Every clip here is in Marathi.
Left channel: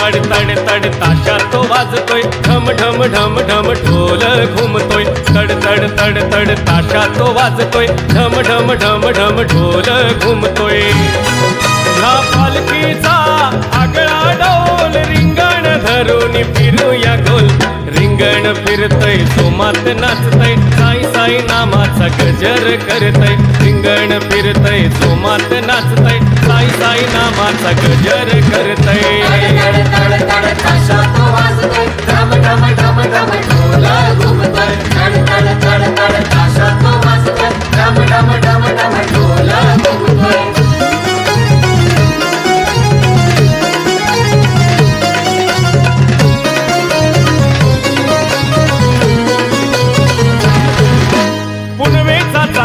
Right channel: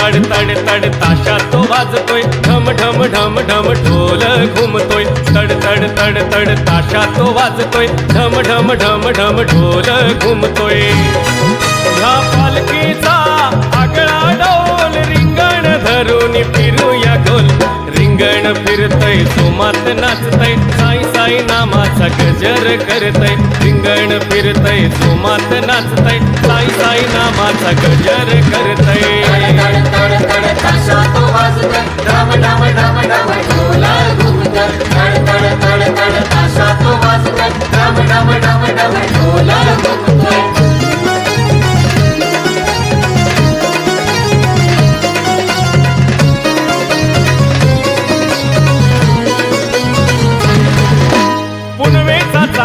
तड तड तड ताशा तो वाजतोय. ढम ढम ढम ढम ढोल घुमतोय. तड तड तड तड ताशा तो वाजतोय. ढम ढम ढम ढम ढोल घुमतोय. ह्या पालखीचा आगळा डोल रिंगण धरून फिरूया गोल रिंगण फिरतय सोमात नाचतय साई साई नामाचा गजर करतय. रिंगण फिरतय सोमात नाचतय साई साई नामाचा गजर करतय.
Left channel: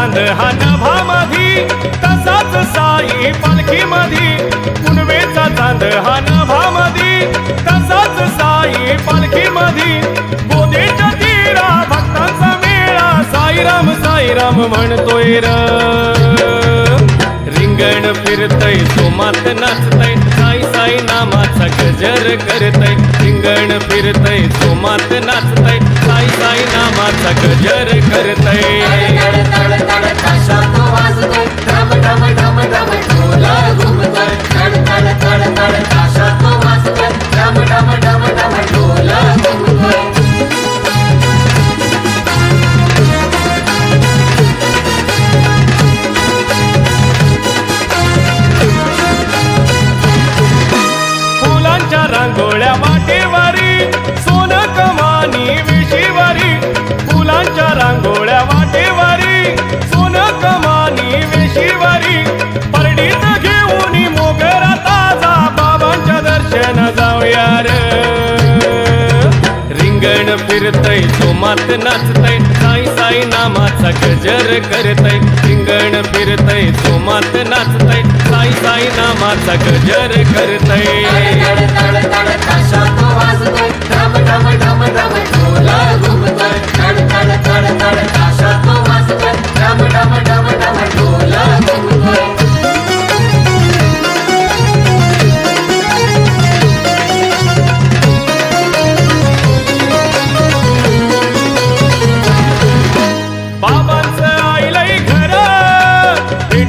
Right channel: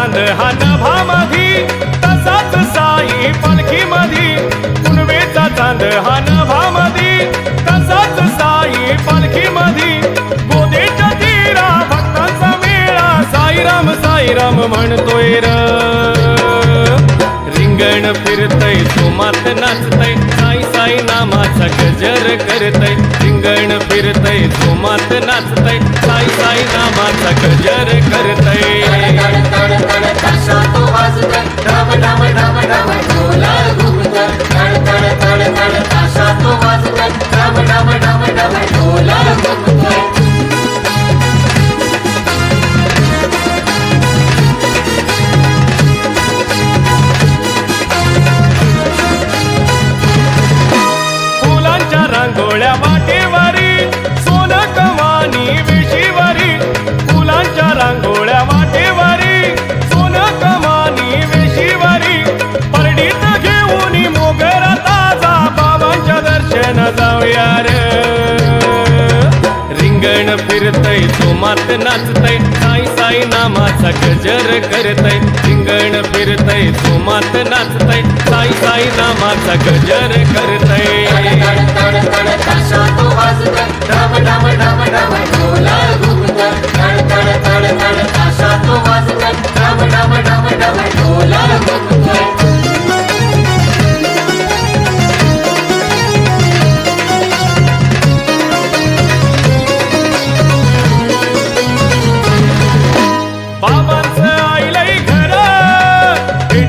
चांद हा नभामधी तसाच साई पालखी मधी कुणवेचा चांद हा नभामधी तसाच साई पालखी मधी गोदेच्या तीरा भक्तांचा मेळा साईराम साईराम म्हणतोय र. रिंगण फिरतय सोमात नाचतय साई साई नामाचा गजर करतय. रिंगण फिरतय सोमात नाचतय साई साई नामाचा गजर करतय. फुलांच्या रांगोळ्या वाट रांगोळ्या वाटेवारी सोन कमानी वेशीवारी परडीत घेऊन मोगरा ताजा बाबांच्या दर्शन जाऊया रे. रिंगण फिरतय सोमात नाचतय साई साई नामाचा गजर करतय. रिंगण फिरतय सोमात नाचतय साई साई नामाचा गजर करतय.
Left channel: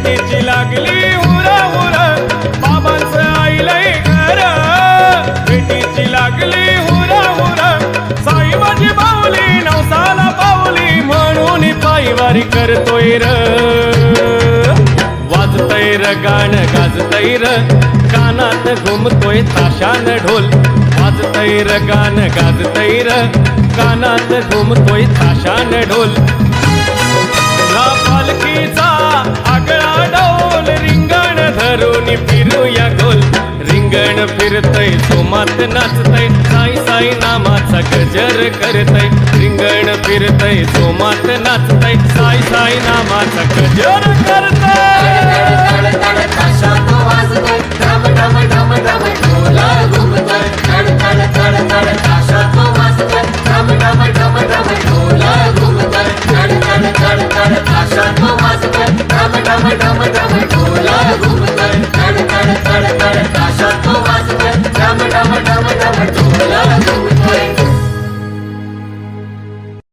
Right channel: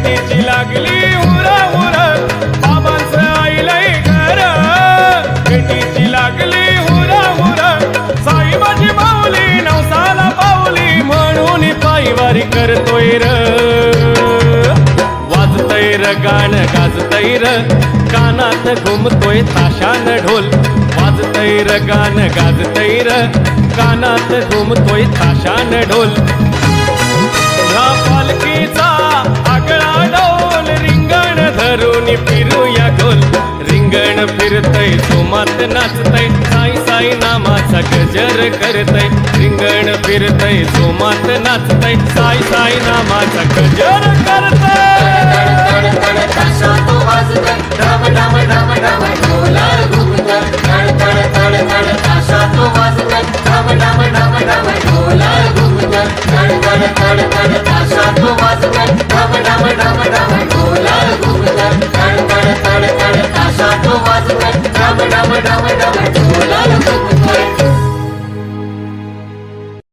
भेटीची लागली उरा उर. बाबांचं आईलय घर. भेटीची लागली उरा उर. साई माझी माऊली नवसाला पावली म्हणून पायवारी करतोय र. वाजतय र गाणं गाजतय र. कानात घुमतोय ताशान ढोल. वाजतय र गाणं गाजतय र. कानात घुमतोय ताशान ढोल. ह्या पालखीचा आगळा डोल रिंगण धरून फिरूया गोल. रिंगण फिरतय सोमात नाचतय साई साई नामाचा गजर करतय. रिंगण फिरतय सोमात नाचतय साई साई नामाचा गजर करतय.